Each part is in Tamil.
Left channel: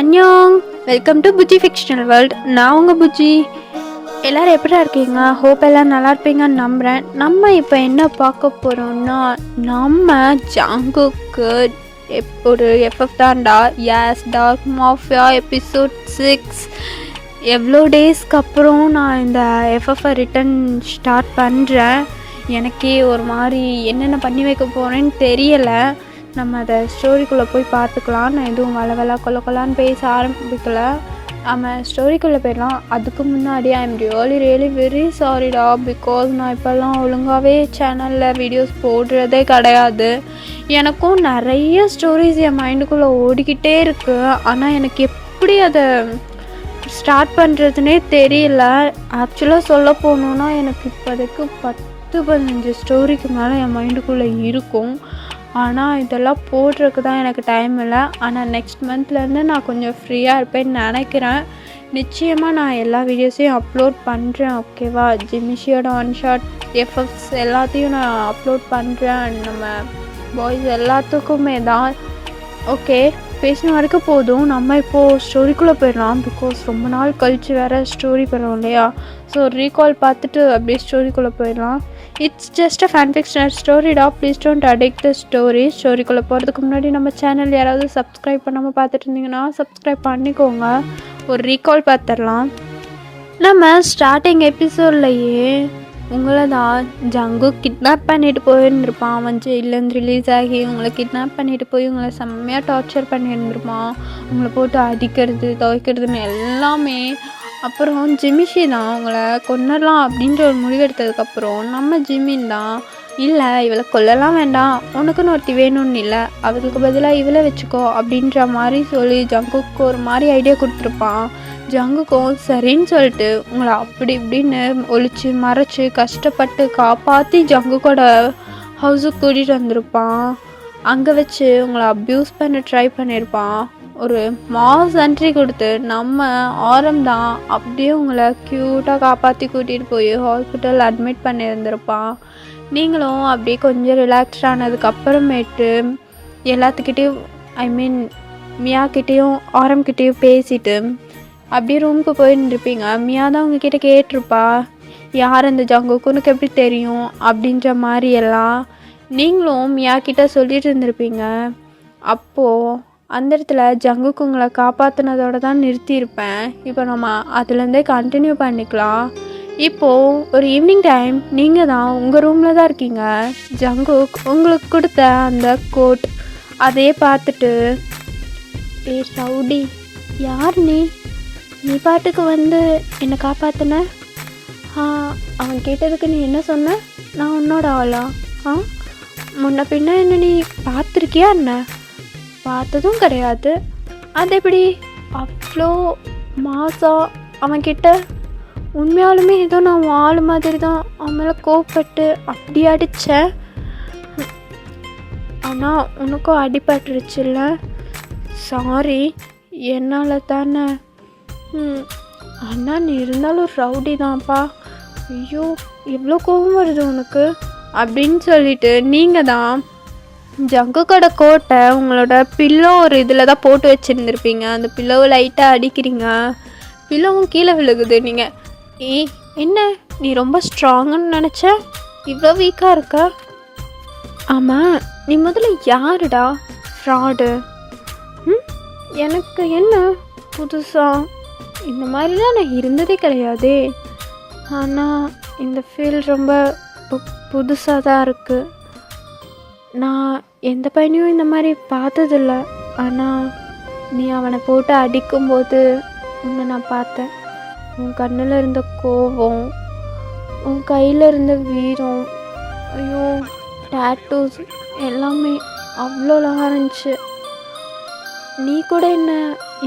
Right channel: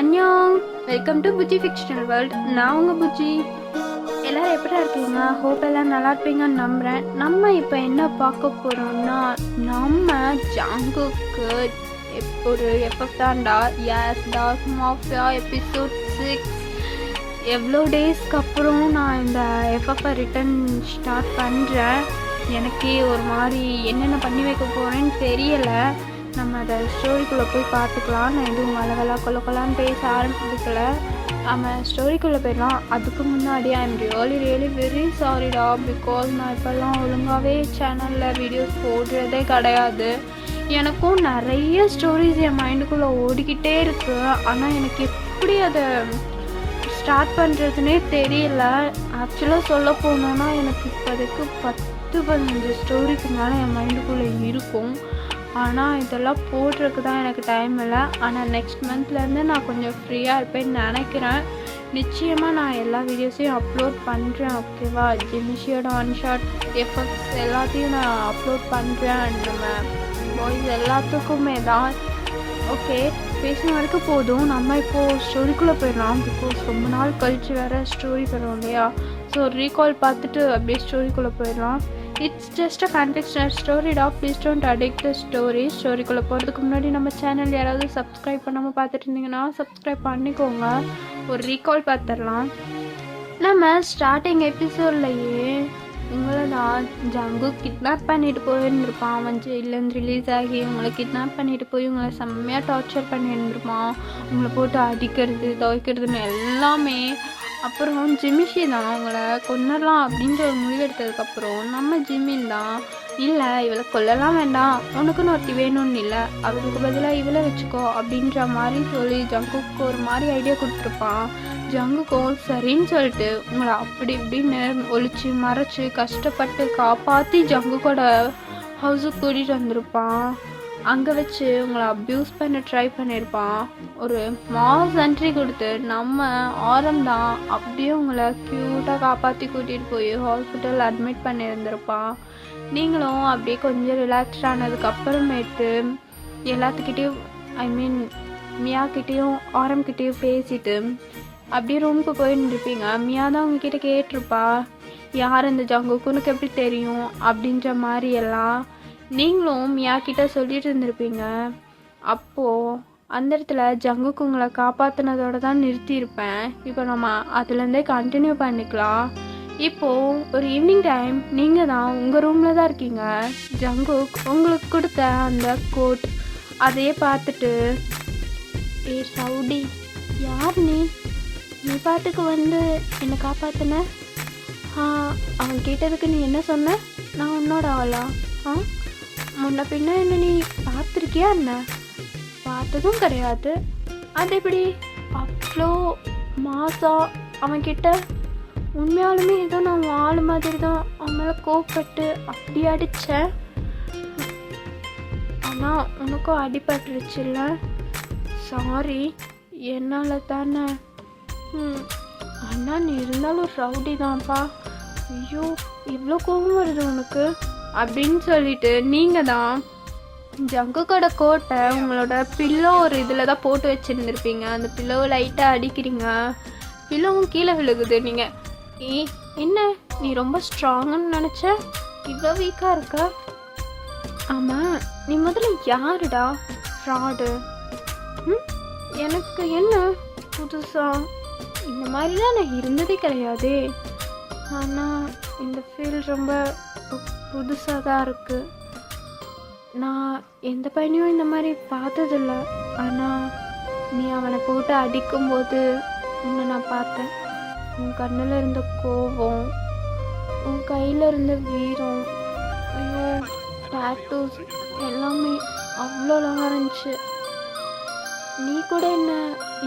அன்யோங், welcome to Bujji fictional world. நான் உங்கள் புஜ்ஜி. எல்லோரும் எப்படி இருக்கீங்க? ஹோப் எல்லாம் நல்லா இருப்பீங்கன்னு நம்புகிறேன். நம்ம இப்போ என்ன பார்க்க போகிறோம்னா, நம்ம ஜங்குக்கு ஒரு எஃப்எஃப் தான்டா யாஸ் டார்க் மாஃபியா எபிசோட் 6 எவ்வளோ டேஸ்க்கு அப்புறம் நான் இந்த எஃப்எஃப்பை ரிட்டன் ஸ்டார்ட் பண்ணுறேன். எனக்கே ஒரு மாதிரி என்னென்ன பண்ணி வைக்க போகிறேன்னு தெரியலை. நம்ம அதை ஸ்டோரிக்குள்ளே போய் பார்த்துக்கலாம். நான் எதுவும் வளவலா கொல்லான்னு பேச ஆரம்பிக்கல. நம்ம ஸ்டோரிக்குள்ளே போயிடலாம். அதுக்கு முன்னாடி ஐ எம் ரியலி வெரி சாரிடா, பிகாஸ் நான் இப்போல்லாம் ஒழுங்காகவே சேனலில் வீடியோஸ் போடுறதே கிடையாது. எனக்கும் நிறைய ஸ்டோரிஸ் என் மைண்டுக்குள்ளே ஓடிக்கிட்டே இருக்குது. ஆனால் எனக்கு எப்படி அதை ஸ்டார்ட் பண்ணுறதுனே தெரியல. ஆக்சுவலாக சொல்ல போனோன்னா எனக்கு இப்போதைக்கு 10-15 ஸ்டோரிக்கு மேலே என் மைண்டுக்குள்ளே இருக்கும். ஆனால் இதெல்லாம் போடுறதுக்கு தான் எனக்கு டைம் இல்லை. ஆனால் நெக்ஸ்ட் மந்த்லேருந்து நான் கொஞ்சம் ஃப்ரீயாக இருப்பேன்னு நினைக்கிறேன். நிச்சயமாக நான் எல்லா வீடியோஸையும் அப்லோட் பண்ணுறேன். ஓகேவா? ஜிமிஷியோட ஒன் ஷாட் எஃபெக்ட்ஸ் எல்லாத்தையும் நான் அப்லோட் பண்ணுறேன். நம்ம பாய்ஸ் எல்லாத்துக்குமே தான். ஓகே, பேசின வரைக்கும் போதும். நம்ம இப்போது ஸ்டோரிக்குள்ளே போயிடலாம். பிகாஸ் ரொம்ப நாள் கழித்து வேறு ஸ்டோரி போயிடும் இல்லையா? ஸோ ரீகால் பார்த்துட்டு அப்படியே ஸ்டோரிக்குள்ளே போயிடலாம். It's just a fan fictional ஸ்டோரிடா, please don't addict the story. ஸ்டோரிக்குள்ளே போகிறதுக்கு முன்னாடி நம்ம சேனல் யாராவது சப்ஸ்கிரைப் பண்ணாமல் பார்த்துட்டு இருந்தீங்கன்னா சப்ஸ்கிரைப் பண்ணிக்கோங்க. ஒரு ரீகால் பார்த்துடலாம். நம்ம ஸ்டார்டிங் எபிசோட்லையே உங்களை தான் ஜங்கு கிட்னாப் பண்ணிட்டு போயிருந்துருப்பான். அவன் ஜெயிலேருந்து ரிலீஸ் ஆகி உங்களை கிட்னாப் பண்ணிட்டு போய் உங்களை செம்மையாக டார்ச்சர் பண்ணியிருந்துருப்பான். உங்களை போட்டு அடிக்கிறது துவைக்கிறதுன்னு எல்லாமே. அப்புறம் ஜிமிஷி தான் அவங்கள கொன்னலாம் அப்படின்ற ஒரு முடிவெடுத்ததுக்கப்புறம் நம்ம ஜிமின் தான், இல்லை இவளை கொல்லலாம் வேண்டாம், உனக்குன்னு ஒருத்தி வேணும்னு இல்லை, அவளுக்கு பதிலாக இவளை வச்சுக்கோ அப்படின்ற மாதிரி சொல்லி ஜங்குக்கு ஒரு மாதிரி ஐடியா கொடுத்துருப்பான். ஜங்குக்கும் சரின்னு சொல்லிட்டு உங்களை அப்படி இப்படின்னு ஒழிச்சு மறைச்சி கஷ்டப்பட்டு காப்பாற்றி ஜங்குக்கோட ஹவுஸுக்கு கூட்டிகிட்டு வந்திருப்பான். அங்கே வச்சு உங்களை அப்யூஸ் பண்ண ட்ரை பண்ணியிருப்பான். ஒரு மாஸ் என்ட்ரி கொடுத்து நம்ம ஆரம் தான் அப்படியே உங்களை க்யூட்டாக காப்பாற்றி கூட்டிகிட்டு போய் ஹாஸ்பிட்டல் அட்மிட் பண்ணியிருந்திருப்பான். நீங்களும் அப்படியே கொஞ்சம் ரிலாக்ஸ்ட் ஆனதுக்கப்புறமேட்டு எல்லாத்துக்கிட்டேயும் மியாக்கிட்டேயும் ஆரம்கிட்டேயும் பேசிட்டு அப்படியே ரூமுக்கு போயிருந்துருப்பீங்க. மியா தான் உங்ககிட்ட கேட்டிருப்பா, யார் அந்த ஜங்குக்கு உனக்கு எப்படி தெரியும் அப்படின்ற மாதிரி எல்லாம் நீங்களும் மியாக்கிட்ட சொல்லிட்டு இருந்திருப்பீங்க. அப்போது அந்த இடத்துல ஜங்குக்கு உங்களை காப்பாற்றினதோடு தான் நிறுத்தியிருப்பேன். இப்போ நம்ம அதுலேருந்தே கண்டினியூ பண்ணிக்கலாம். இப்போது ஒரு ஈவினிங் டைம் நீங்கள் தான் உங்கள் ரூமில் தான் இருக்கீங்க. ஜங்குக் உங்களுக்கு கொடுத்த அந்த கோட் அதையே பார்த்துட்டு, ஏ சவுடி, யார் நீ பாட்டுக்கு வந்து என்னை காப்பாற்றின? அவன் கேட்டதுக்கு நீ என்ன சொன்ன? நான் உன்னோட ஆளா? முன்ன பின்ன என்ன நீ பார்த்துருக்கியா? என்ன பார்த்ததும் கிடையாது. அது எப்படி அவ்வளோ மாசா அவன்கிட்ட? உண்மையாலுமே ஏதோ நான் ஆள் மாதிரி தான் அவன் மேலே கோவப்பட்டு அப்படி அடித்தேன். ஆனால் உனக்கும் அடிபட்டுருச்சுல்ல? சாரி, என்னால் தானே. அண்ணா நீ இருந்தாலும் ரவுடி தான்ப்பா. ஐயோ எவ்வளோ கோபம் வருது உனக்கு அப்படின்னு சொல்லிட்டு நீங்கள் தான் ஜங்குக்கோட கோட்டை உங்களோட பில்லோ ஒரு இதில் தான் போட்டு வச்சுருந்துருப்பீங்க. அந்த பில்லோவை லைட்டாக அடிக்கிறீங்க, பில்லோவும் கீழே விழுகுது. நீங்கள் என்ன நீ ரொம்ப ஸ்ட்ராங்குன்னு நினச்ச, இவ்வளோ வீக்காக இருக்க? ஆமாம், நீ முதல்ல யாருடா? ஃப்ராடு. எனக்கு என்ன புதுசாக இந்த மாதிரிலாம் நான் இருந்ததே கிடையாதே. ஆனால் இந்த ஃபீல் ரொம்ப புதுசாக தான் இருக்குது. நான் எந்த பையனையும் இந்த மாதிரி பார்த்ததில்ல. ஆனால் நீ அவனை போட்டு அடிக்கும்போது உன்னை நான் பார்த்தேன். உன் கண்ணில் இருந்த கோபம், உன் கையில் இருந்த வீரம், ஐயோ டேட்டூஸ் எல்லாமே அவ்வளோ அழகாக இருந்துச்சு. நீ கூட என்ன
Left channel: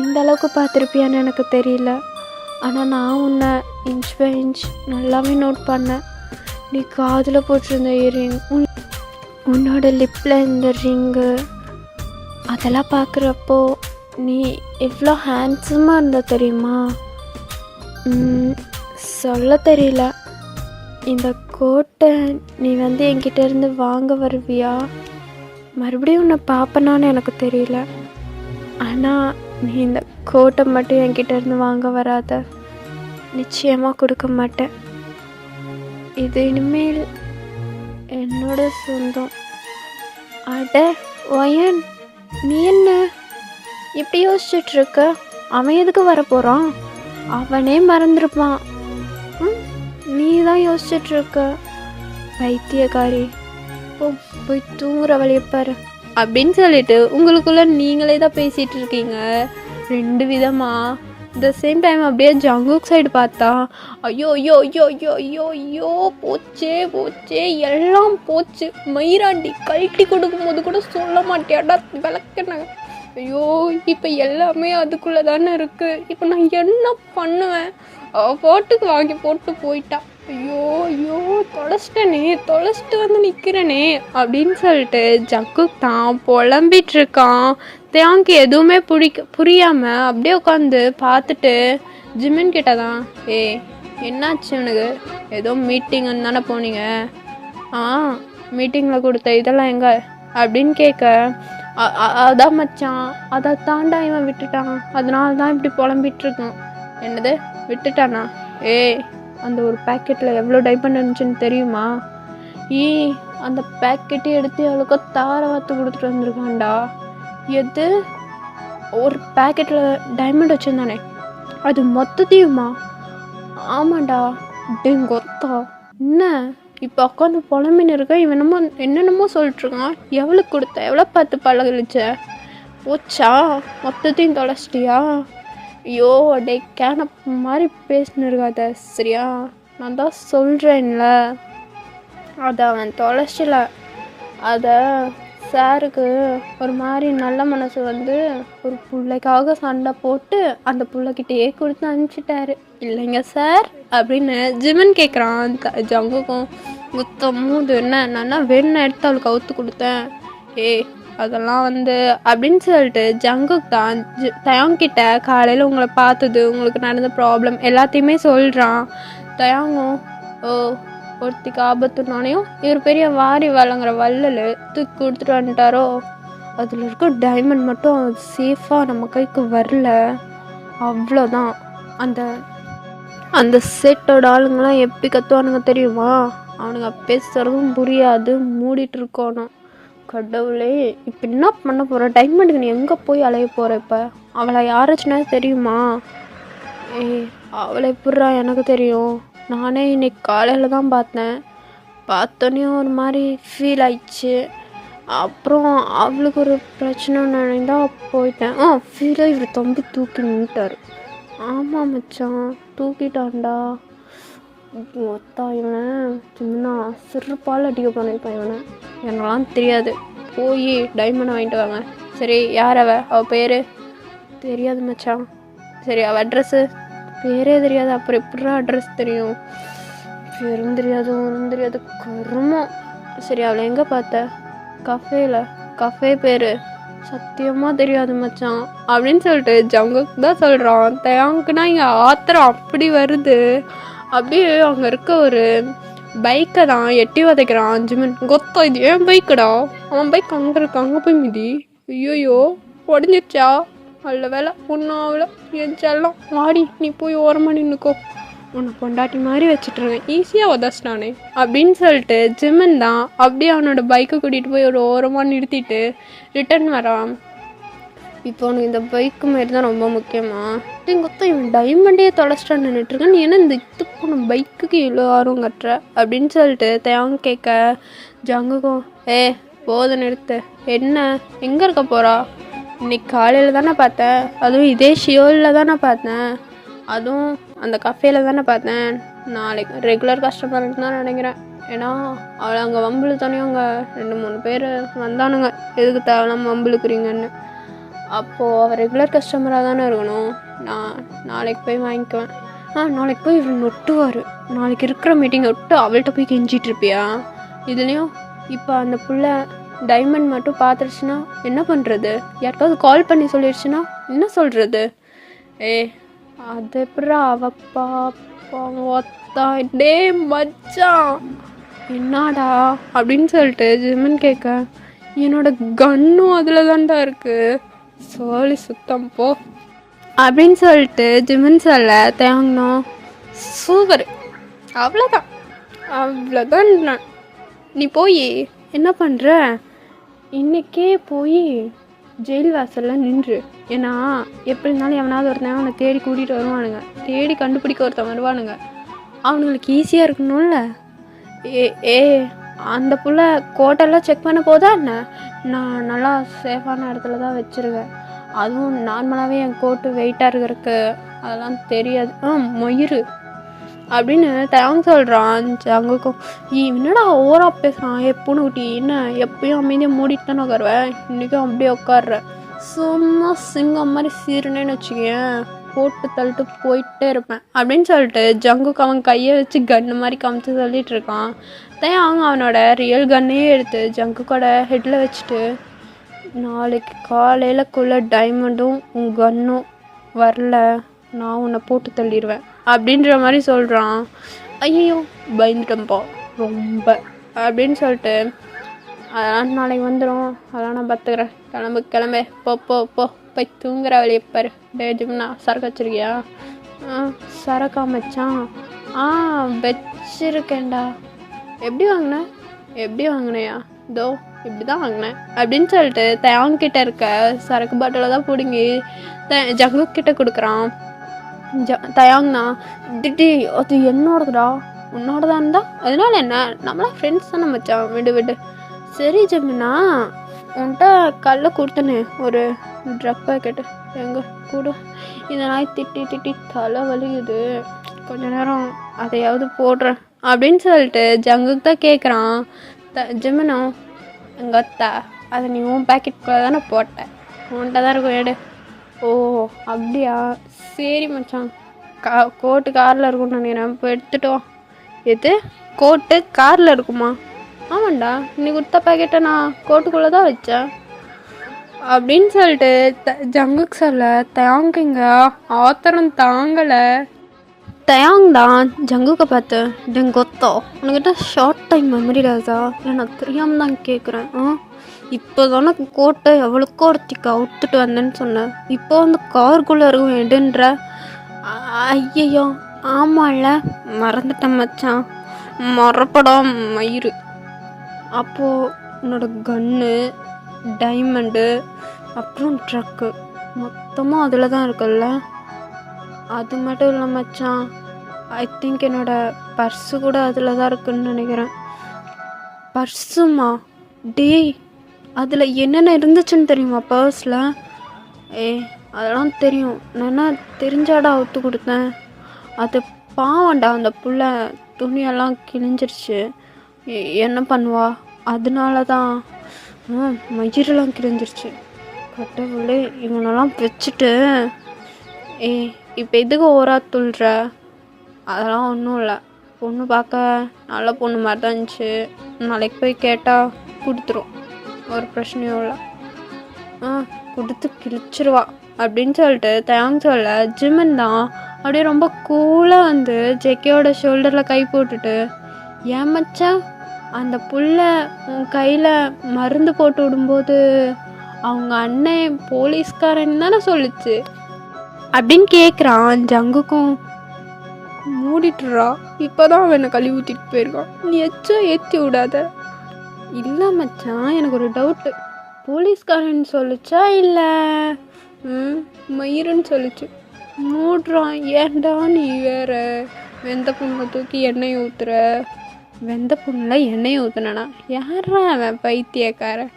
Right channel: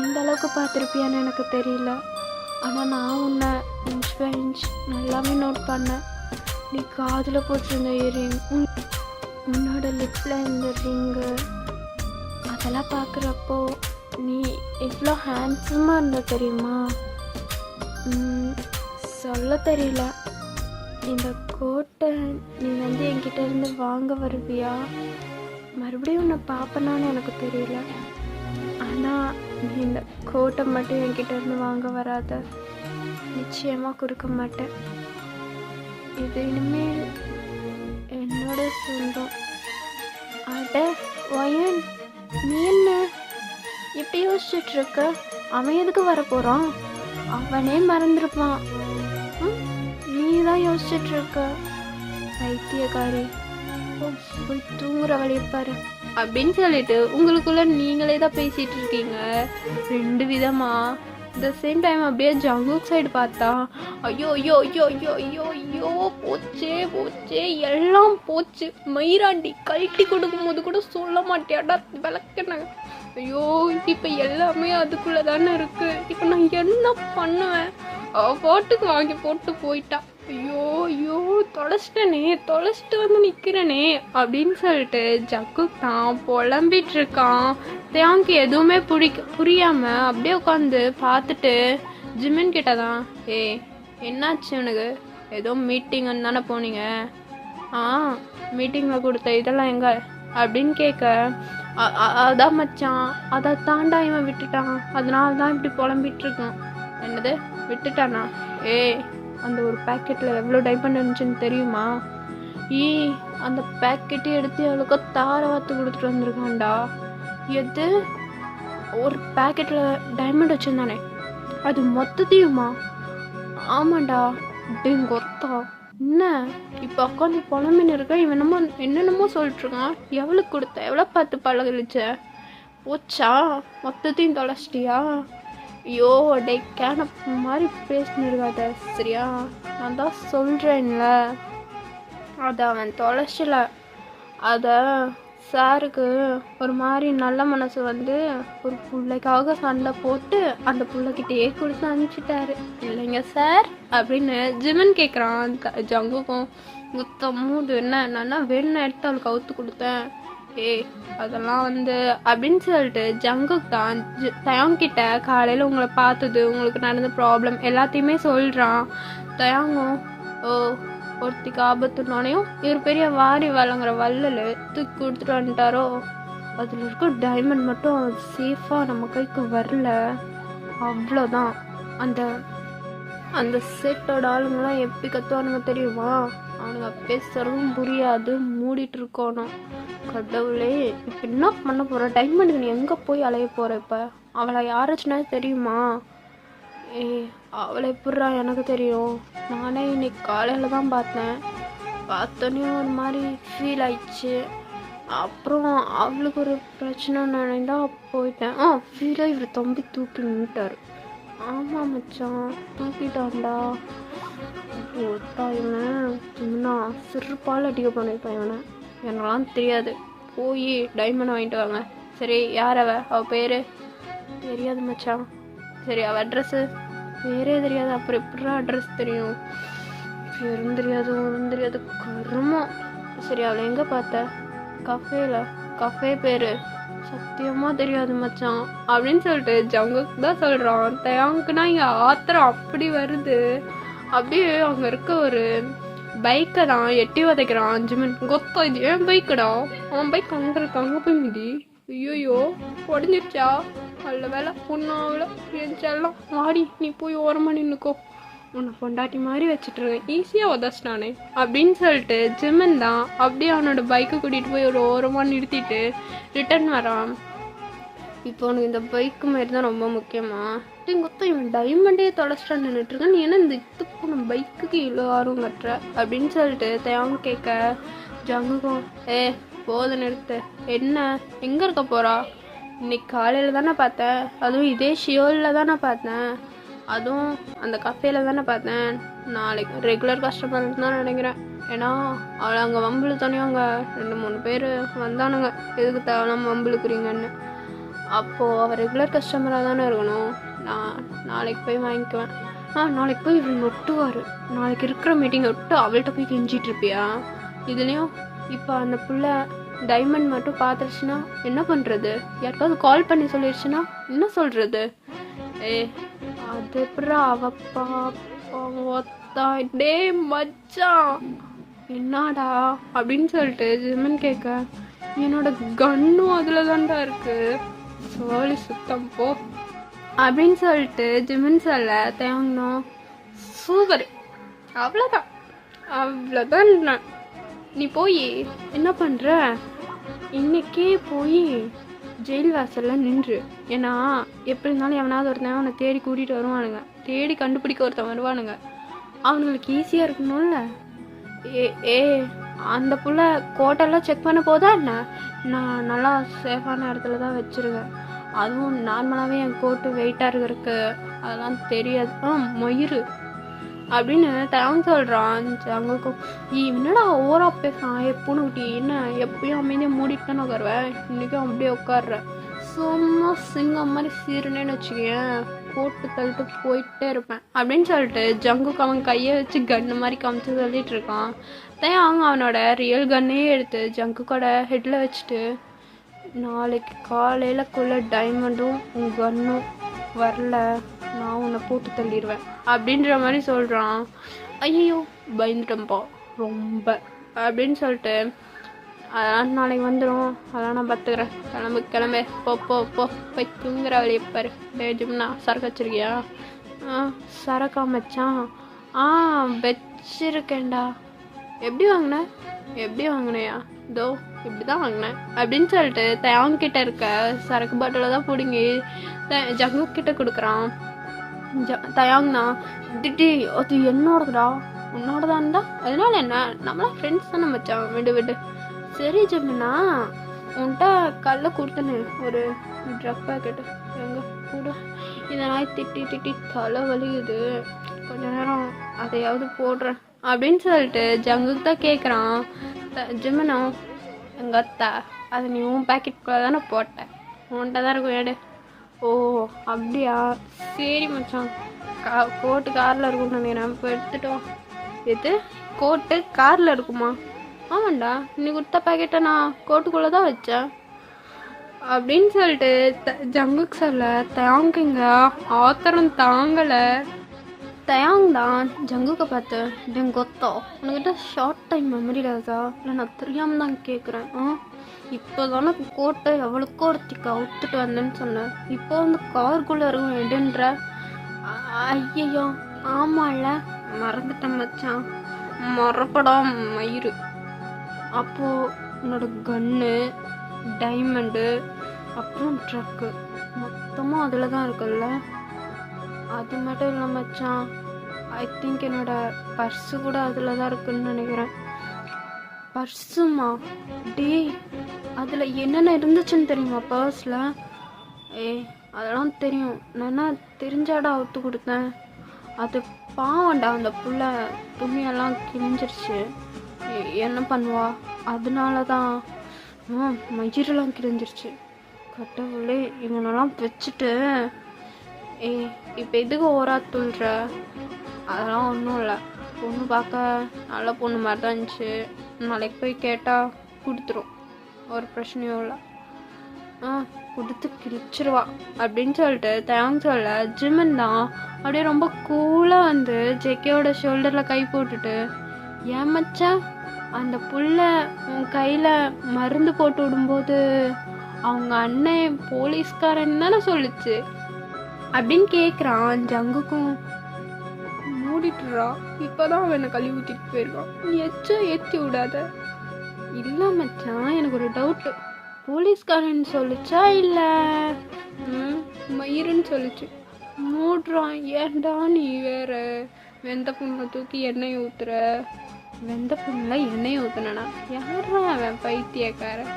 இந்த அளவுக்கு பார்த்துருப்பியான்னு எனக்கு தெரியல. ஆனால் நான் உன்னை இன்ச் பை இன்ச் நல்லாவே நோட் பண்ணேன். நீ காதில் போட்டிருந்த இயரிங், உன்னோட லிப்பில் இந்த ரிங்கு, அதெல்லாம் பார்க்குறப்போ நீ எவ்வளோ ஹேண்ட்ஸமாக இருந்த தெரியுமா? சொல்ல தெரியல. இந்த கோட்டை நீ வந்து என்கிட்ட இருந்து வாங்க வருவியா? மறுபடியும் உன்னை பார்ப்பனான்னு எனக்கு தெரியல. ஆனால் நீ இந்த கோட்டை மட்டும் என்கிட்ட இருந்து வாங்க வராத. நிச்சயமாக கொடுக்க மாட்டேன். இது இனிமேல் என்னோட சொந்தம். அட ஒயன், நீ என்ன இப்படி யோசிச்சுட்ருக்க? அவன் எதுக்கு வரப்போகிறான்? அவனே மறந்துருப்பான். நீ தான் யோசிச்சுட்ருக்க பைத்தியக்காரி. போய் தூங்குற வழியை பாரு அப்படின்னு சொல்லிட்டு உங்களுக்குள்ள நீங்களே தான் பேசிகிட்டு இருக்கீங்க. 2 விதமாக த சேம் டைம் அப்படியே ஜங்குக் சைடு பார்த்தா ஐயோ ஐயோ ஐயோ ஐயோ ஐயோ ஐயோ போச்சே போச்சே எல்லாம் போச்சு. மயிராண்டி கழட்டி கொடுக்கும்போது கூட சொல்ல மாட்டேடா விளக்குனாங்க. ஐயோ இப்போ எல்லாமே அதுக்குள்ளே தானே இருக்குது. இப்போ நான் என்ன பண்ணுவேன்? பாட்டுக்கு வாங்கி போட்டு போயிட்டா. ஐயோ ஐயோ தொலைச்சிட்டு வந்து நிற்கிறேனே அப்படின்னு சொல்லிட்டு ஜங்குக் தான் புலம்பிட்டு இருக்கான். தேங்க்கு எதுவுமே புரியாமல் அப்படியே உட்காந்து பார்த்துட்டு ஜிமின் கிட்ட தான், என்னாச்சு உனக்கு? ஏதோ மீட்டிங்குன்னு தானே போனீங்க? மீட்டிங்கில் கொடுத்த இதெல்லாம் எங்கே அப்படின்னு கேட்க, அதான் மச்சான், அதை தாண்டா இவன் விட்டுட்டான், அதனால தான் இப்படி புலம்பிட்டு இருக்கான். என்னது விட்டுட்டானா? அந்த ஒரு பேக்கெட்டில் எவ்வளோ டைமண்ட் இருந்துச்சுன்னு தெரியுமா? அந்த பேக்கெட்டை எடுத்து அவளுக்கு தார வாத்து கொடுத்துட்டு வந்திருக்கான்டா. எது? ஒரு பேக்கெட்டில் டைமண்ட் வச்சுருந்தானே, அது மொத்தத்தையுமா? ஆமாண்டா. அப்படிங்கொத்தா என்ன இப்போ உட்காந்து புலம்பின்னு இருக்க? இவன் என்னென்னமோ சொல்லிட்டுருக்கான். எவ்வளோ கொடுத்த? எவ்வளோ பார்த்து பழகலிச்ச? போச்சா? மொத்தத்தையும் தொலைச்சிட்டியா? ஐயோ டே கேனப் மாதிரி பேசின்னு இருக்காத சரியா? நான் தான் சொல்கிறேன்ல, அதை அவன் தொலைச்சில. அதை சாருக்கு ஒரு மாதிரி நல்ல மனசு வந்து ஒரு பிள்ளைக்காக சண்டை போட்டு அந்த பிள்ளைகிட்டயே கொடுத்து அனுப்பிச்சிட்டாரு இல்லைங்க சார் அப்படின்னு ஜிமின் கேட்குறான். ஜங்குக்கும் குத்தமூது என்ன நான் வேணும்னு எடுத்து அவளுக்கு அவுத்து கொடுத்தேன். அதெல்லாம் வந்து அப்படின்னு சொல்லிட்டு ஜங்குக் தான் தயாங்கிட்ட காலையில் உங்களை பார்த்தது, உங்களுக்கு நடந்த ப்ராப்ளம் எல்லாத்தையுமே சொல்கிறான். தயாங்கும் ஒருத்திக்கு ஆபத்துனானையும் இவர் பெரிய வாரி வழங்குற வள்ளல் தூக்கி கொடுத்துட்டு வந்துட்டாரோ, அதில் இருக்க டைமண்ட் மட்டும் சேஃபாக நம்ம கைக்கு வரல, அவ்வளோதான். அந்த செட்டோட ஆளுங்களாம் எப்படி கத்துவானுங்க தெரியுமா? அவனுங்க பேசுறதும் புரியாது, மூடிட்டு இருக்கணும். கடவுளே, இப்போ என்ன பண்ண போகிற? டைமண்டுக்கு நீ எங்கே போய் அலைய போகிற? இப்போ அவளை யாராச்சுன்னா தெரியுமா? அவளை எப்பட்றா எனக்கு தெரியும்? நானே இன்னைக்கு காலையில் தான் பார்த்தோன்னே ஒரு மாதிரி ஃபீல் ஆயிடுச்சு. அப்புறம் அவளுக்கு ஒரு பிரச்சனை நினைந்தா போயிட்டேன். ஃபீலாக இவர் தம்பி தூக்கி நின்ட்டார். ஆமாம் மச்சான், தூக்கிட்டான்டா. ஒத்தா இவன் சின்ன சிறுப்பால் அடிக்க பண்ணியிருப்பான் இவனை. எனக்கெல்லாம் தெரியாது. போய் டைமண்ட் வாங்கிட்டு வாங்க. சரி, யார் அவள் பேர்? தெரியாது மச்சான். சரி, அவள் அட்ரஸ்ஸு? பேரே தெரியாது, அப்புறம் எப்படிரா அட்ரஸ் தெரியும்? பேரும் தெரியாது, ஒன்றும் தெரியாது, கருமம். சரி, அவளை எங்கே பார்த்த? கஃபே பேர் சத்தியமாக தெரியாது மச்சான் அப்படின்னு சொல்லிட்டு ஜங்குக் தான் சொல்கிறான். தயாங்குனா இங்கே ஆத்திரம் அப்படி வருது. அப்படியே அங்கே இருக்க ஒரு பைக்கை தான் எட்டி உதைக்கிறான் ஜிமின். கொத்தா, இது ஏன் பைக்குடா? அவன் பைக் அங்கே இருக்கு, அங்கே போய் மிதி. ஐயோயோ உடஞ்சிடுச்சா? நல்ல வேலை ஒன்றும் ஆகலை. என் செல்லம் மாடி, நீ போய் ஓரமாக நின்றுக்கோ, உன்னை பொண்டாட்டி மாதிரி வச்சுட்ருவேன், ஈஸியாக உதச்சிட்டானே அப்படின்னு சொல்லிட்டு ஜிமின் தான் அப்படியே அவனோட பைக்கை கூட்டிகிட்டு போய் ஒரு ஓரமாக நிறுத்திட்டு ரிட்டர்ன் வரான். இப்போ உனக்கு இந்த பைக்கு மாரி தான் ரொம்ப முக்கியமா? கொத்தா இவன் டைமண்டே தொலைச்சிட்டான்னு நின்றுட்டுருக்கேன், நீ என்ன இந்த இது போன பைக்குக்கு இவ்வளோ ஆர்வம் கட்டுற அப்படின்னு சொல்லிட்டு தேவங்க கேட்க, ஜங்குக்கும் போதை நிறுத்து. என்ன எங்கே இருக்க போகிறா? இன்னைக்கு காலையில் தானே பார்த்தேன், அதுவும் இதே ஷியோலில் தானே பார்த்தேன், அதுவும் அந்த கஃபேயில் தானே பார்த்தேன். நாளைக்கு ரெகுலர் கஸ்டமர்னு தான் நினைக்கிறேன். ஏன்னா அவளை அங்கே வம்புழு தானே, அங்கே 2-3 பேர் வந்தானுங்க, எதுக்கு தேவையில்லாமல் வம்புழுக்குறீங்கன்னு. அப்போது அவள் ரெகுலர் கஸ்டமராக தானே இருக்கணும். நான் நாளைக்கு போய் வாங்கிக்குவேன். நாளைக்கு போய் இவன் ஒட்டுவார். நாளைக்கு இருக்கிற மீட்டிங் ஒட்டு அவள்கிட்ட போய் கெஞ்சிட்ருப்பியா? இதுலேயும் இப்போ அந்த புள்ள டைமண்ட் மட்டும் பார்த்துருச்சுன்னா என்ன பண்ணுறது? யாருக்காவது கால் பண்ணி சொல்லிடுச்சுன்னா என்ன சொல்கிறது? அது எப்படா அவள் பாப்பா டே மச்சான் என்னடா அப்படின்னு சொல்லிட்டு ஜிமின் கேட்க, என்னோட கன்னும் அதில் தான்டா இருக்குது, சோழி சுத்தம் போ அப்படின்னு சொல்லிட்டு ஜிமின் சொல்ல தேங்கணும். சூப்பர், அவ்வளோதான் அவ்வளோதான். நீ போய் என்ன பண்ணுற, இன்றைக்கே போய் ஜெயில் வாசலில் நின்று. ஏன்னா எப்படி இருந்தாலும் எவனாவது ஒருத்தன் அவனை தேடி கூட்டிகிட்டு வருவானுங்க, தேடி கண்டுபிடிக்க ஒருத்தன் வருவானுங்க. அவனுங்களுக்கு ஈஸியாக இருக்கணும்ல. ஏ அந்த புள்ள கோட்டெல்லாம் செக் பண்ண போதா என்ன? நான் நல்லா சேஃபான இடத்துல தான் வச்சுருவேன். அதுவும் நார்மலாகவே என் கோட்டு வெயிட்டாக இருக்கிறதுக்கு அதெல்லாம் தெரியாது. மயிறு அப்படின்னு தேங்க் சொல்கிறான். ஜங்குக்கும் என்னடா ஓவரா பேசுகிறான் எப்போன்னு ஊட்டி, என்ன எப்பயும் அமைதியாக மூடிட்டு தானே உட்காருவேன், இன்றைக்கும் அப்படியே உட்காடுறேன். சும்மா சிங்கம் மாதிரி சீருனேன்னு வச்சுக்கேன், போட்டு தள்ளிட்டு போயிட்டே இருப்பேன் அப்படின்னு சொல்லிட்டு ஜங்குக்கு அவன் கையை வச்சு கன்னு மாதிரி காமிச்சு சொல்லிட்டு இருக்கான். தேங்க அவனோட ரியல் கன்னையே எடுத்து ஜங்குக்கோட ஹெட்டில் வச்சுட்டு, நாளைக்கு காலையிலக்குள்ளே டைமண்டும் உன் கன்னும் வரல, நான் உன்னை போட்டு தள்ளிடுவேன் அப்படின்ற மாதிரி சொல்கிறான். ஐயோ பயந்துட்டேன்ப்பா ரொம்ப அப்படின்னு சொல்லிட்டு, அதெல்லாம் நாளைக்கு வந்துடும், அதெல்லாம் நான் பார்த்துக்கிறேன், கிளம்பு போ போ போ போய் தூங்குற வழியை பாரு. டேஜும்னா சரக்கு வச்சுருக்கியா? சரக்கா மச்சான்? வச்சுருக்கேன்டா. எப்படி வாங்கினையா? இதோ இப்படி தான் வாங்கினேன் அப்படின்னு சொல்லிட்டு தேவன்கிட்ட இருக்க சரக்கு பாட்டில தான் பிடுங்கி ஜங்கு கிட்ட கொடுக்குறான். தயாங்னா திட்டி, அது என்னோடதுடா, உன்னோடதான் இருந்தா அதனால என்ன, நம்மளாம் ஃப்ரெண்ட்ஸ் தானே மச்சான், விடு. சரி ஜம்மினா, உன்கிட்ட கல்ல கொடுத்தனே ஒரு ட்ரக் பேக்கெட்டு, எங்க கூட இதெல்லாம் திட்டி தலை வலிக்குது, கொஞ்ச நேரம் அதையாவது போடுறேன் அப்படின்னு சொல்லிட்டு ஜங்குக்கு தான் கேட்குறான். ஜிமினோ, எங்கள் அத்தா அதை நீ உன் பேக்கெட்டுக்குள்ளே தானே போட்டேன், உன்கிட்ட தான் இருக்கும், எடு. ஓ அப்படியா, சரி மச்சான், கோட்டு காரில் இருக்கும்னு நினைக்கிறேன், இப்போ எடுத்துட்டோம். எது கோட்டு காரில் இருக்குமா? ஆமாண்டா, நீ கொடுத்த பேக்கெட்டை நான் கோட்டுக்குள்ளே தான் வச்சேன் அப்படின்னு சொல்லிட்டு ஜங்குக்கு சொல்ல தேங்குங்க ஆத்திரம் தாங்கலை. தயாங் தான் ஜங்குக்கை பார்த்து, டெங்கொத்தோ உனக்கிட்ட ஷார்ட் டைம் மெமரி ராஜா, இல்லை நான் தெரியாமல் தான் கேட்குறேன். இப்போ தானே கோட்டை எவ்வளோக்கோ ஒருத்திக்கு அவுத்துட்டு வந்தேன்னு சொன்னேன், இப்போ வந்து காருக்குள்ளே இருக்கும் எடுன்ற. ஐயோ ஆமாம்ல, மறந்துட்டேன் மச்சான், மறப்படம் மயிறு. அப்போது உன்னோட கன்னு, டைமண்டு, அப்புறம் ட்ரக்கு மொத்தமாக அதில் தான் இருக்குல்ல? அது மட்டும் இல்லை மச்சான், ஐ திங்க் என்னோடய பர்ஸு கூட அதில் தான் இருக்குன்னு நினைக்கிறேன். பர்ஸுமா? டேய், அதில் என்னென்ன இருந்துச்சுன்னு தெரியுமா பர்ஸில்? அதெல்லாம் தெரியும், நான் தெரிஞ்சாடா அவுத்து கொடுத்தேன். அது பாவண்டா, அந்த புள்ள துணியெல்லாம் கிழிஞ்சிருச்சு, என்ன பண்ணுவா, அதனால தான் மயிரெல்லாம் கிழிஞ்சிருச்சு. கட்டவுளே, இவனெல்லாம் வச்சுட்டு இப்போ எதுக்கு ஓரா துள்ளுற? அதெல்லாம் ஒன்றும் இல்லை, பொண்ணு பார்க்க நல்ல பொண்ணு மாதிரி தான் இருந்துச்சு, நாளைக்கு போய் கேட்டால் கொடுத்துரும், ஒரு பிரச்சனையும் இல்லை, கொடுத்து கிழிச்சிருவா அப்படின்னு சொல்லிட்டு தேங்க் சொல்ல ஜிமின் தான் அப்படியே ரொம்ப கூலாக வந்து ஜெக்கியோட ஷோல்டரில் கை போட்டுட்டு, ஏன் மச்சான் அந்த புள்ள உன் கையில் மருந்து போட்டு விடும்போது அவங்க அண்ணன் போலீஸ்காரன் தானே சொல்லிச்சு அப்படின்னு கேட்குறான். ஜங்குக்கும் மூடிட்டுறா, இப்போதான் அவனை கழுவி ஊற்றிட்டு போயிருக்கான், நீ எச்சும் ஏற்றி விடாத. இல்லை மச்சான், எனக்கு ஒரு டவுட்டு, போலீஸ்காரன் சொல்லிச்சா இல்லை மயிருன்னு சொல்லிச்சு? மூடுறான், ஏன்டா நீ வேற வெந்த புண்ணை தூக்கி எண்ணெய் ஊற்றுற? வெந்த புண்ணில் எண்ணெய் ஊற்றுனா யாரா அவன் பைத்தியக்காரன்,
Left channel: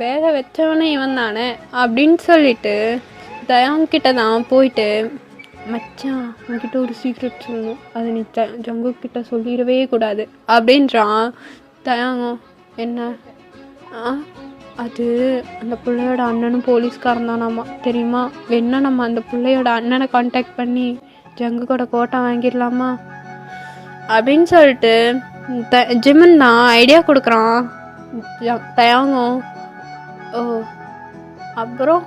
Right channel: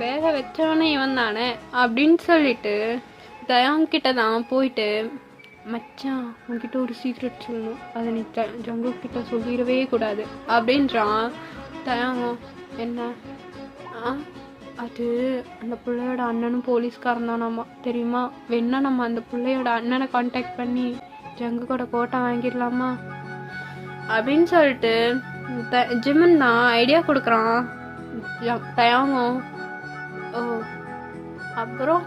வேக வச்சவனே இவன் தானே அப்படின்னு சொல்லிட்டு தயாங்கிட்ட தான் போயிட்டு, மச்சான் உன்கிட்ட ஒரு சீக்ரெட் சொல்லணும், அதை நீ ஜங்குக்கிட்ட சொல்லிடவே கூடாது அப்படின்றான். தயாங்கம் என்ன? அது அந்த பிள்ளையோட அண்ணனும் போலீஸ்காரன் தானாமா தெரியுமா, வேணா நம்ம அந்த பிள்ளையோட அண்ணனை கான்டாக்ட் பண்ணி ஜங்குக்கோட கோட்டை வாங்கிடலாமா அப்படின்னு சொல்லிட்டு ஜிமின் தான் ஐடியா கொடுக்குறான். தயாங்கம் அப்புறம்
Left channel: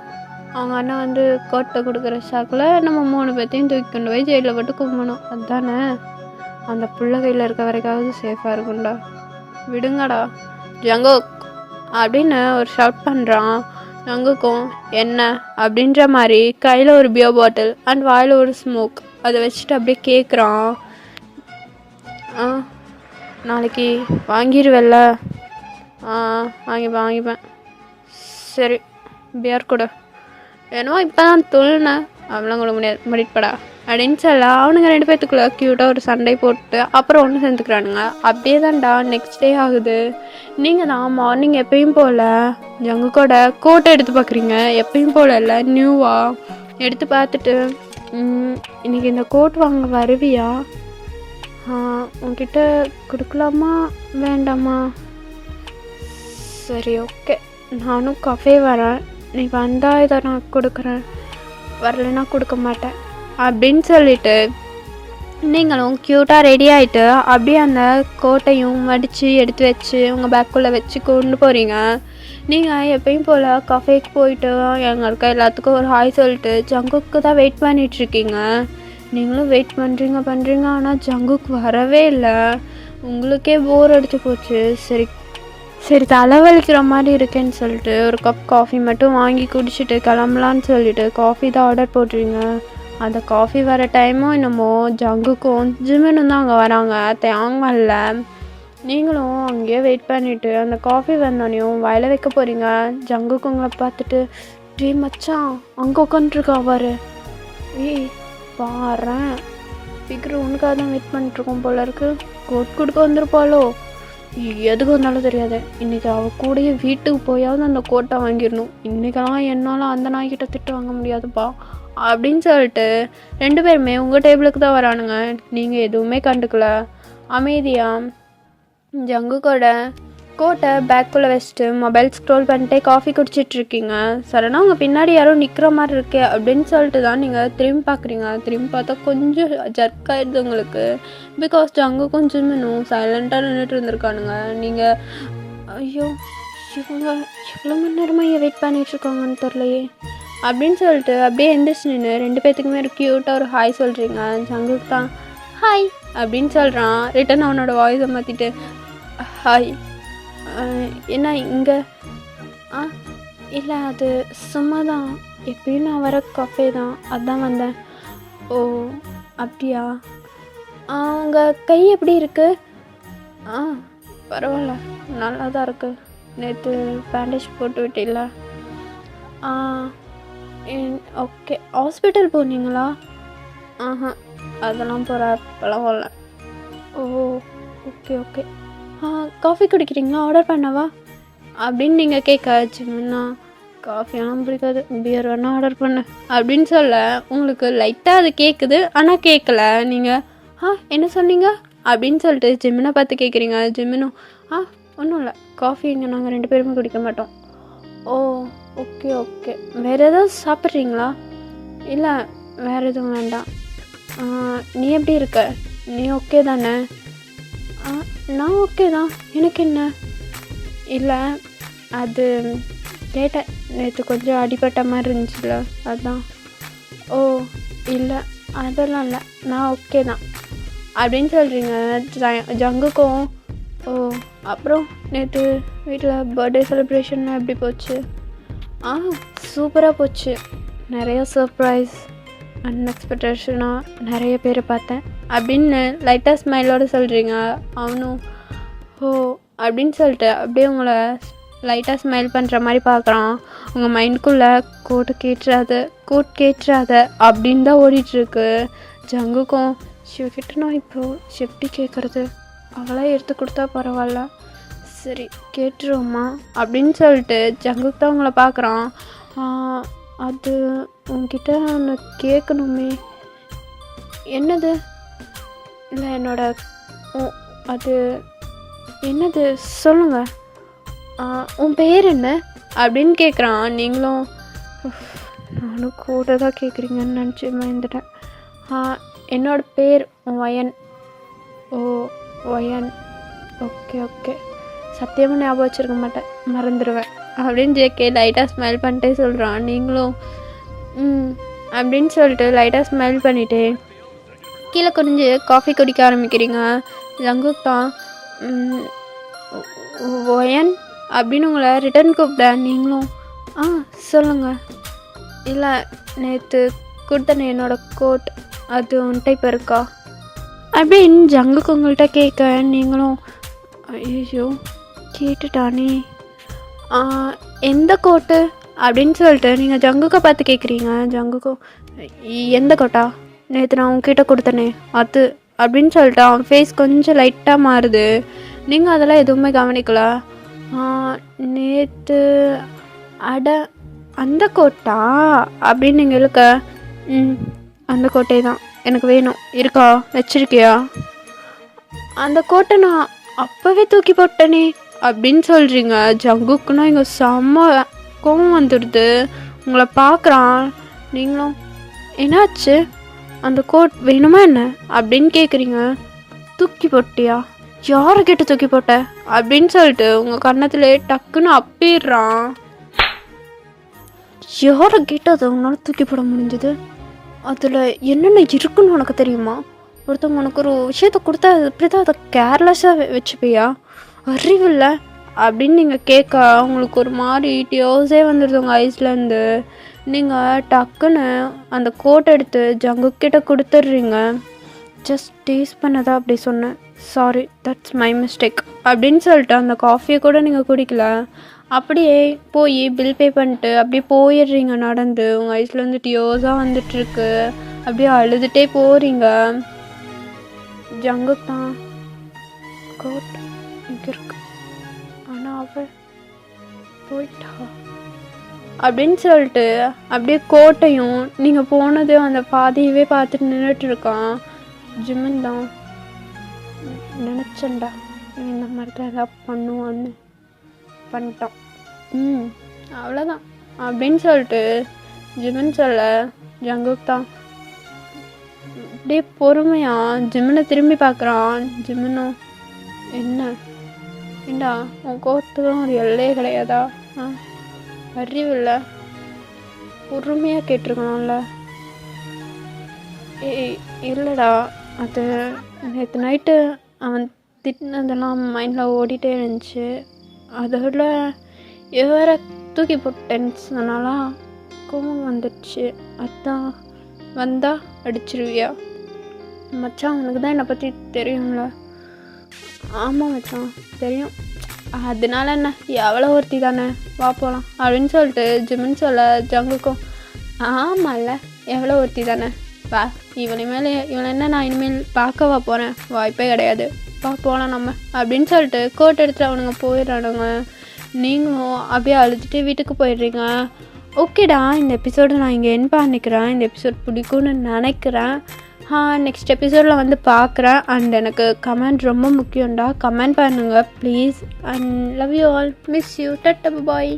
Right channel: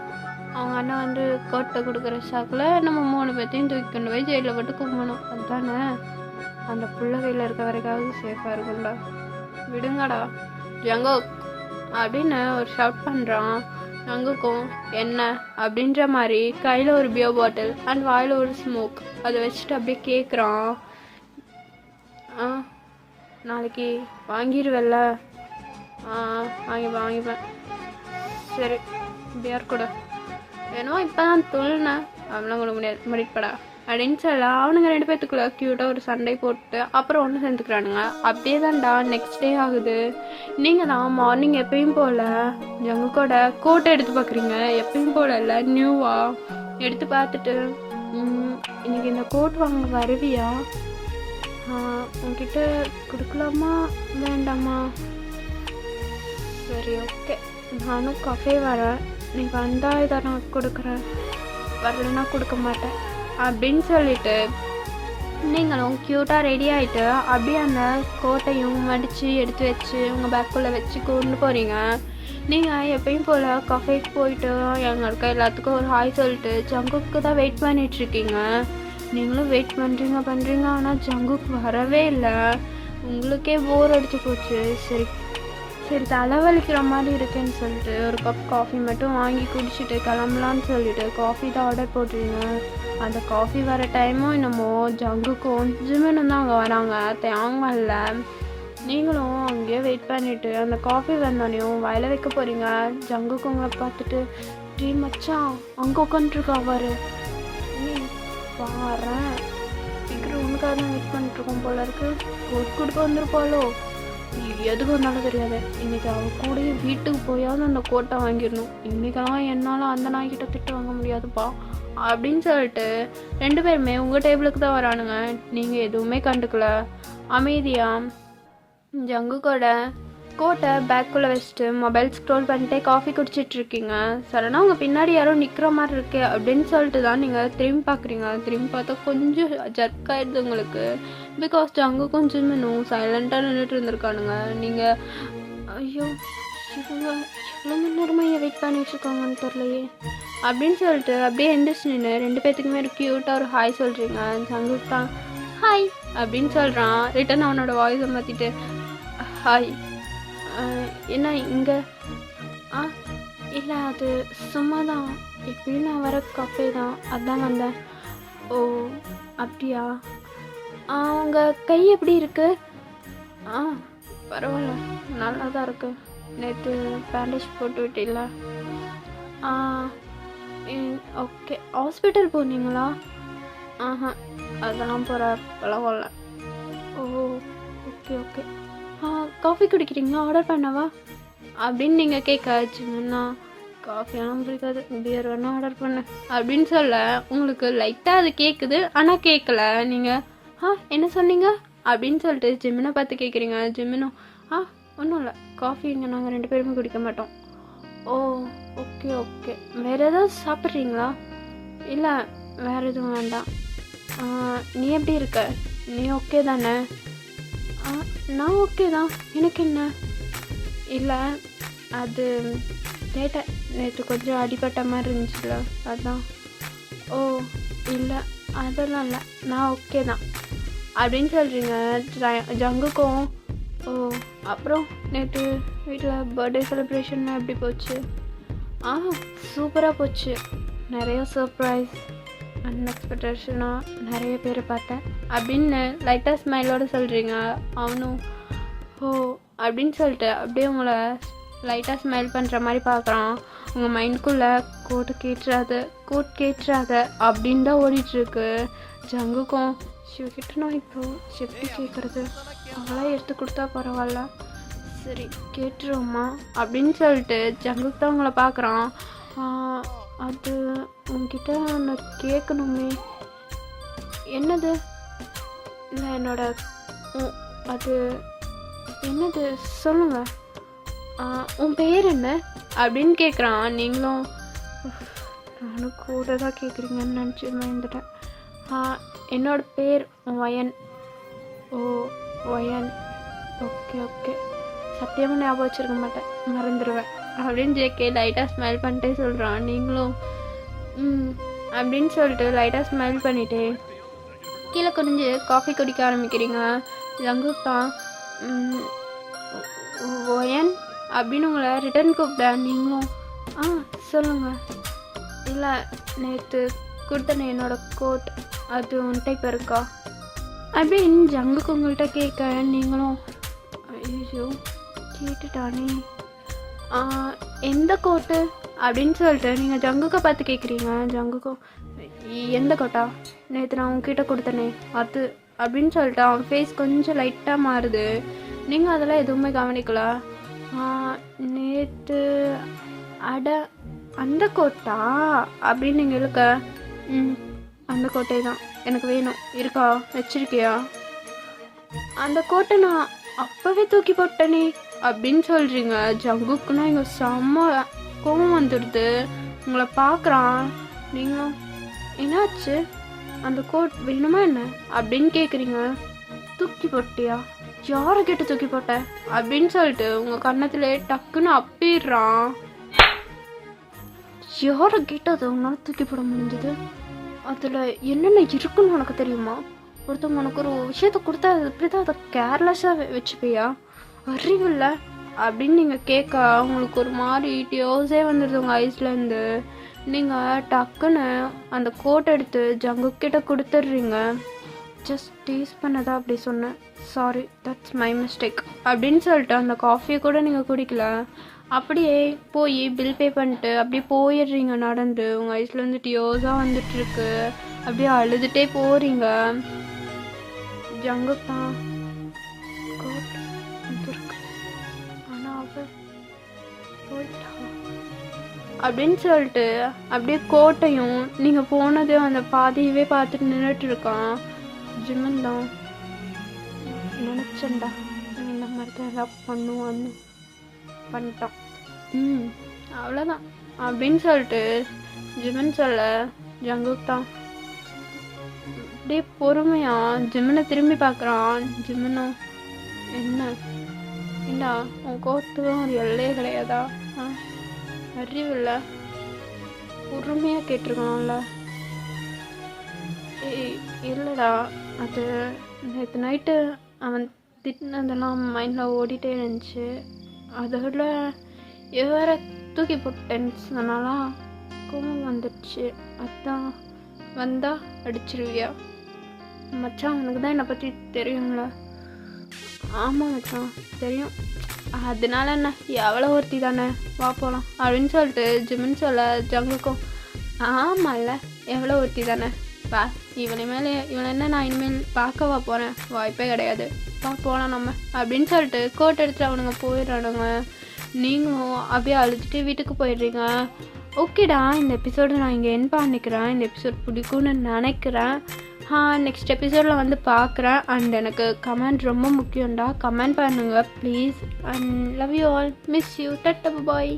அவங்க அண்ணன் வந்து கோட்டை கொடுக்குற சாக்கில் நம்ம 3 பேர்த்தையும் தூக்கி கொண்டு போய் ஜெயிலில் போட்டு கும்பணும், அதுதானே? அந்த பிள்ளை கையில் இருக்க வரைக்காவது சேஃபாக இருக்கும்டா, விடுங்கடா ஜங்கோ அப்படின்னு ஒரு ஷவுட் பண்ணுறான். அங்குக்கும் என்ன அப்படின்ற மாதிரி கையில் ஒரு பியர் பாட்டில் அண்ட் வாயில் ஒரு ஸ்மோக் அதை வச்சுட்டு அப்படியே கேட்குறான். நாளைக்கு வாங்கிடுவேல்ல? வாங்கிப்பேன். சரி பியர் கூட என்னமோ இப்போ தான் துள்ளினேன், அப்படிலாம் கூட முடியாது, முடிப்படா அப்படின்னு சொல்ல அவனுங்க 2 பேர்த்துக்குள்ள க்யூட்டாக ஒரு சண்டை போட்டு அப்புறம் ஒன்று சேர்ந்துக்கிறானுங்க. அப்படியே தான்டா நெக்ஸ்ட் டே ஆகுது. நீங்கள் தான் மார்னிங் எப்பயும் போல் ஜங்குக்கோட கோட்டை எடுத்து பார்க்குறீங்க. எப்பயும் போல் இல்லை, நியூவாக எடுத்து பார்த்துட்டு இன்றைக்கி இந்த கோட் வாங்க வருவியா? உங்ககிட்ட கொடுக்கலாமா வேண்டாமா? சரி ஓகே, நானும் கஃபே வரேன், நீ வந்தால் இதை நான் கொடுக்குறேன், வரலைன்னா கொடுக்க மாட்டேன் அப்படின்னு சொல்லிட்டு நீங்களும் க்யூட்டாக ரெடி ஆகிட்டு அப்படியே அந்த கோட்டையும் மடித்து எடுத்து வச்சு உங்கள் பேக்குள்ளே வச்சு கொண்டு போகிறீங்க. நீங்கள் எப்பயும் போல் கஃபேக்கு போயிட்டு எங்கே இருக்க எல்லாத்துக்கும் ஒரு ஹாய் சொல்லிட்டு ஜங்குக்கு தான் வெயிட் பண்ணிகிட்ருக்கீங்க. நீங்களும் வெயிட் பண்ணுறீங்க ஆனால் ஜங்குக்கு வரவே இல்லை. உங்களுக்கே போர் அடிச்சு போச்சு. சரி தலைவலிக்கிற மாதிரி இருக்கேன்னு சொல்லிட்டு ஒரு கப் காஃபி மட்டும் வாங்கி குடிச்சிட்டு கிளம்பலான்னு சொல்லிட்டு காஃபி தான் ஆர்டர் போட்டுருங்க. அந்த காஃபி வர டைமும் என்னமோ ஜங்குக்கும் ஜிமினும் தான் அங்கே வராங்க, தேங்கல்ல. நீங்களும் அங்கேயே வெயிட் பண்ணிவிட்டு அந்த காஃபி வந்தோடனையும் வயல வைக்க போகிறீங்க. ஜங்குக்கு உங்களை பார்த்துட்டு, டே மச்சான் அங்கே உட்காந்துருக்கா பாரு, ஏய் பாரேன் சீக்கிரம் உனக்காக தான் வெயிட் பண்ணிட்டுருக்கோம் போல இருக்கு, கோட் கொடுக்க வந்திருப்பாளோ, எதுக்கு வந்தாலும் தெரியாது, இன்றைக்கி அவள் கூடயே வீட்டுக்கு போயாவது அந்த கோட்டை வாங்கிடணும், இன்றைக்கெல்லாம் என்னால் அந்த நாய்கிட்ட திட்டு வாங்க முடியாதுப்பா அப்படின்னு சொல்லிட்டு 2 பேருமே உங்கள் டேபிளுக்கு தான் வரானுங்க. நீங்கள் எதுவுமே கண்டுக்கல, அமைதியாக ஜங்குக்கோட கோட்டை பேக்குள்ளே வச்சுட்டு மொபைல் ஸ்க்ரோல் பண்ணிட்டே காஃபி குடிச்சிட்ருக்கீங்க. சடனாக உங்கள் பின்னாடி யாரோ நிற்கிற மாதிரி இருக்கே அப்படின்னு சொல்லிட்டு தான் நீங்கள் திரும்பி பார்க்குறீங்க. திரும்பி பார்த்தா கொஞ்சம் ஜர்க் ஆகிடுது உங்களுக்கு. பிகாஸ் ஜங்கு கொஞ்சம் இன்னும் சைலண்ட்டாக நின்றுட்டு இருந்திருக்கானுங்க. நீங்கள் ஐயோ இவங்க எவ்வளோ மணி நேரமாக வெயிட் பண்ணிகிட்ருக்காங்கன்னு தெரிலையே அப்படின்னு சொல்லிட்டு அப்படியே எந்திரிச்சு நின்று 2 பேர்த்துக்குமே ஒரு க்யூட்டாக ஒரு ஹாய் சொல்கிறீங்க. ஜங்குக்கு தான் ஹாய் அப்படின்னு சொல்கிறான். ரிட்டன் அவனோட வாய்ஸை மாற்றிட்டு ஹாய், என்ன இங்கே? இல்லை அது சும்மா தான், எப்பயும் நான் வர கஃபே தான், அதான் வந்தேன். ஓ அப்படியா? உங்கள் கை எப்படி இருக்குது? பரவாயில்ல, நல்லா தான் இருக்குது. நேற்று பேண்டேஜ் போட்டு விட்டீங்களா? ஓகே. ஹாஸ்பிட்டல் போனீங்களா? அதெல்லாம் பரவாயில்ல. ஓ ஓகே. காஃபி குடிக்கிறீங்களா? ஆர்டர் பண்ணவா அப்படின்னு நீங்கள் கேட்க வச்சுங்கன்னா, காஃபியெல்லாம் பிடிக்காது, பியர் வேணால் ஆர்டர் பண்ணு அப்படின்னு சொல்ல உங்களுக்கு லைட்டாக அது கேட்குது, ஆனால் கேட்கல. நீங்கள் என்ன சொன்னீங்க அப்படின்னு சொல்லிட்டு ஜிமினை பார்த்து கேட்குறீங்க. ஜிமினும் ஒன்றும் இல்லை, காஃபி இங்கே நாங்கள் 2 பேருமே குடிக்க மாட்டோம். ஓ ஓகே. வேறு ஏதாவது சாப்பிட்றீங்களா? இல்லை வேறு எதுவும் வேண்டாம். நீ எப்படி இருக்க? நீ ஓகே தானே? நான் ஓகே தான், எனக்கு என்ன? இல்லை அது கேட்டேன், நேற்று கொஞ்சம் அடிபட்ட மாதிரி இருந்துச்சுல அதுதான். ஓ இல்லை அதெல்லாம் இல்லை, நான் ஓகே தான் அப்படின்னு சொல்கிறீங்க. ஜங்குக்கும் ஓ அப்புறம் நேற்று வீட்டில் பர்த்டே செலிப்ரேஷன் எப்படி போச்சு? சூப்பராக போச்சு, நிறையா சர்ப்ரைஸ், அன்எக்ஸ்பெக்டேஷனாக நிறைய பேரை பார்த்தேன் அப்படின்னு லைட்டாக ஸ்மைலோடு சொல்கிறீங்க. அவனும் ஓ அப்படின்னு சொல்லிட்டு அப்படியே உங்களை லைட்டாக ஸ்மைல் பண்ணுற மாதிரி பார்க்குறான். உங்கள் மைண்டுக்குள்ளே கோட் கேட்டுறாத அப்படின்னு தான் ஓடிட்டுருக்கு. ஜங்குக்கும் ஷிவகிட்ட நான் இப்போது எப்படி கேட்குறது, அவளாக எடுத்து கொடுத்தா பரவாயில்ல, சரி கேட்டுருவோம்மா அப்படின்னு சொல்லிட்டு ஜங்குக்கு தான் உங்களை பார்க்குறான். அது உங்ககிட்ட ஒன்று கேட்கணுமே. என்னது? இல்லை என்னோட அது என்னது சொல்லுங்கள், உன் பேர் என்ன அப்படின்னு கேட்குறான். நீங்களும் நானும் கூட தான் கேட்குறீங்கன்னு நினச்சி மறந்துட்டேன். என்னோட பேர் வயன். ஓ வயன், ஓகே. சத்தியமாக ஞாபகம் வச்சுருக்க மாட்டேன், மறந்துடுவேன் அப்படின்னு ஜேகே லைட்டாக ஸ்மைல் பண்ணிட்டே சொல்கிறான். நீங்களும் அப்படின்னு சொல்லிட்டு லைட்டாக ஸ்மைல் பண்ணிவிட்டு கீழே குனிஞ்சு காஃபி குடிக்க ஆரம்பிக்கிறீங்க. ஜங்குக் தான் ஒயன் அப்படின்னு உங்களை ரிட்டன் கூப்பிட்டேன். நீங்களும் ஆ சொல்லுங்கள். இல்லை, நேற்று கொடுத்தனே என்னோட கோட், அது உன்கிட்ட இப்போ இருக்கா அப்படின்னு ஜங்குக்கு உங்கள்கிட்ட கேட்க, நீங்களும் ஐயோ கேட்டுட்டானே, எந்த கோட்டு அப்படின்னு சொல்லிட்டு நீங்கள் ஜங்குக்கை பார்த்து கேட்குறீங்க. ஜங்குக்கும் எந்த கோட்டா, நேற்று நான் உங்ககிட்ட கொடுத்தனே அது அப்படின்னு சொல்லிட்டு அவன் ஃபேஸ் கொஞ்சம் லைட்டாக மாறுது. நீங்கள் அதெல்லாம் எதுவுமே கவனிக்கல. நேற்று அட அந்த கோட்டா அப்படின்னு நீங்கள் இழுக்க, அந்த கோட்டை தான் எனக்கு வேணும், இருக்கா, வச்சிருக்கியா? அந்த கோட்டை நான் அப்போவே தூக்கி போட்டேனே அப்படின்னு சொல்கிறீங்க. ஜங்குக்குன்னா இங்கே செம்ம கோவம் வந்துடுது. உங்களை பார்க்குறான். நீங்களும் என்னாச்சு, அந்த கோட் வேணுமா என்ன அப்படின்னு கேட்குறீங்க. தூக்கி போட்டியா, யாரை கேட்டு தூக்கி போட்ட அப்படின்னு சொல்லிட்டு உங்கள் கன்னத்தில் டக்குன்னு அப்பிடுறான். யாரை கேட்டு அதை உன்னால் தூக்கி போட முடிஞ்சது? அதில் என்னென்ன இருக்குன்னு உனக்கு தெரியுமா? ஒருத்தவங்க உனக்கு ஒரு விஷயத்த கொடுத்தா அது இப்படி தான் அதை கேர்லெஸ்ஸாக வச்சுப்பியா? அறிவில்லை அப்படின்னு நீங்கள் கேட்க உங்களுக்கு ஒரு மாதிரி டியோஸே வந்துடுது உங்கள் ஐஸ்லேருந்து. நீங்கள் டக்குன்னு அந்த கோட் எடுத்து ஜங்குக்கிட்ட கொடுத்துட்றீங்க. ஜஸ்ட் டேஸ்ட் பண்ணதா அப்படி சொன்னேன், சாரி, தட்ஸ் மை மிஸ்டேக் அப்படின்னு சொல்லிட்டு அந்த காஃபியை கூட நீங்கள் குடிக்கல. அப்படியே போய் பில் பே பண்ணிட்டு அப்படியே போயிடுறீங்க நடந்து. உங்கள் ஐஸ்லேருந்து டியோஸாக வந்துட்டுருக்கு. அப்படியே அழுதுகிட்டே போகிறீங்க. ஜங்குத்தான் கோட் இங்கே இருக்கு, ஆனால் அவள் போயிட்டா அப்படின்னு சொல்லிட்டு அப்படியே கோட்டையும் நீங்கள் போனதையும் அந்த பாதையவே பார்த்துட்டு நின்றுட்டுருக்கான். ஜிமின் தான் நினச்சேன்டா இந்த மாதிரி தான் ஏதாவது பண்ணுவான்னு, பண்ணிட்டான், அவ்வளோதான் அப்படின்னு சொல்லிட்டு ஜிமின் சொல்ல, ஜங்குக் தான் அப்படியே பொறுமையாக ஜிமினை திரும்பி பார்க்குறான். ஜிமினும் என்ன ஏண்டா உன் கோத்துக்கும் ஒரு எல்லையே கிடையாதா? அறிவில்லை, பொறுமையாக கேட்டிருக்கணும்ல. இல்லைடா, அது நேற்று நைட்டு அவன் திட்டினதெல்லாம் மைண்டில் ஓடிட்டே இருந்துச்சு. அதோட வேற தூக்கி போட்டேன்னு சொன்னாலாம் கோவம் வந்துடுச்சு. அதான் வந்தா அடிச்சிருவியா? மச்சான் உனக்கு தான் என்னை பற்றி தெரியும்ல. ஆமாம் மச்சான் தெரியும், அதனால என்ன, எவ்வளோ ஒருத்தி தானே, வா போகலாம் அப்படின்னு சொல்லிட்டு ஜிமின் சொல்ல, ஜங்குக்கும் ஆமாம்ல எவ்வளோ ஒருத்தி தானே, வா, இவனை என்ன நான் இனிமேல் பார்க்கவா போகிறேன், வாய்ப்பே கிடையாது, வா போகலாம் நம்ம அப்படின்னு சொல்லிட்டு கோட் எடுத்துட்டு அவனுங்க போயிடுறானுங்க. நீங்களும் அப்படியே அழுதுட்டு வீட்டுக்கு போயிடுறீங்க. ஓகேடா, இந்த எபிசோடு நான் இங்கே என் பண்ணிக்கிறேன். இந்த எபிசோட் பிடிக்கும்னு நினைக்கிறேன். நெக்ஸ்ட் எபிசோடில் வந்து பார்க்குறேன். அண்ட் எனக்கு கமெண்ட் ரொம்ப முக்கியம்டா, கமெண்ட் பண்ணுங்கள் please. And love you all, miss you, ta-ta bye.